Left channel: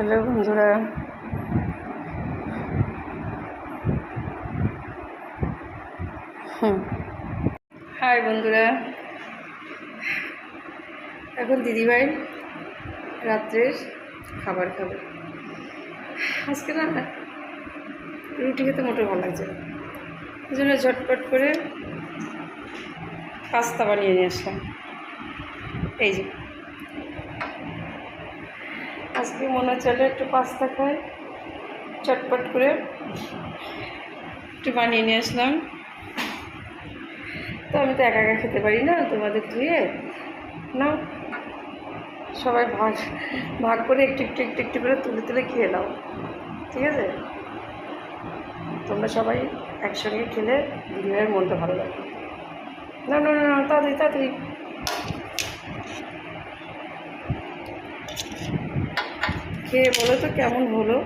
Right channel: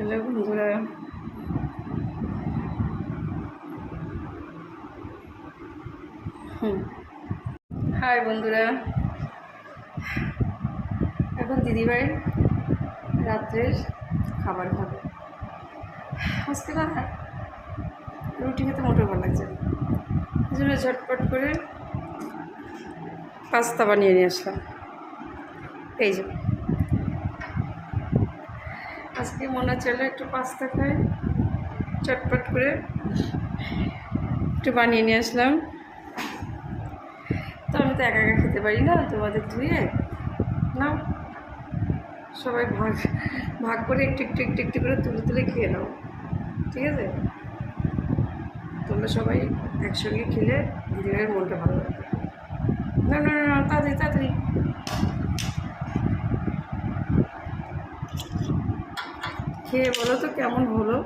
Hello বন্ধুরা, high বন্ধুরা। এখন দিদিভাই রাত্রের খাবার খাবে। আজকে না রুটি খেতে মোটেও ভালো লাগছে না, এই জন্য ঝটপট করে পাস্তা বানিয়ে নিয়ে আসলাম। এই যে আজকে মনে চলে একটু পাস্তা খাই, চটপট করে একটু বানিয়ে নিয়ে আসলাম। তো আমি তো একা একা খেতে পারি না, তোমাদের ধুয়ে নাও, সবাই ভাগ ভাগ করে একটু একটু একটু একটু করে তুলে তুলে খেয়ে নাও, ঠিক আছে? তোমরা সবাই একসঙ্গে খেলে দিদিভাইয়ের মনটা ভালো লাগবে। না না না না, তাড়াতাড়ি তাড়াতাড়ি খেয়ে বলো তো কেমন হলো।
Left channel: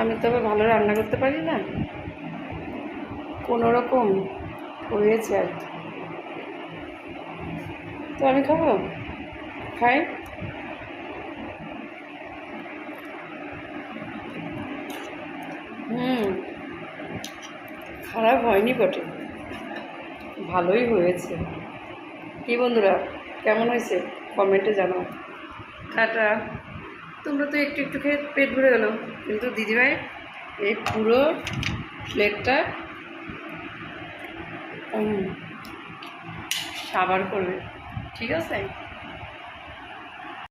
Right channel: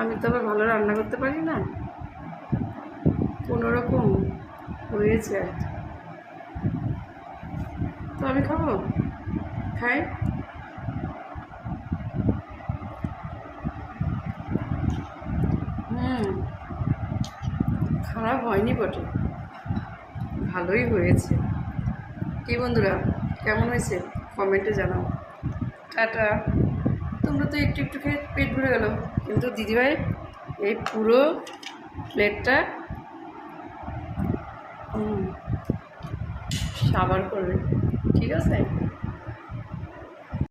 আমি তবে ভালো রান্না করতে পারি না, কোনো রকম হয়েছে আর কি। তো আমি খাবো, খাই। খারাপ হয়নি বটে, ভালোই হয়েছে। কি বন্ধুরা, কেমন হয়েছে কমেন্টে জানাও। টাটা। তোমরা তো একটু একটু খেয়ে পেট ভরে গেলো, কিন্তু দিদিভাই এই পুরো প্লেটটা সাবার করবে, ঠিক আছে?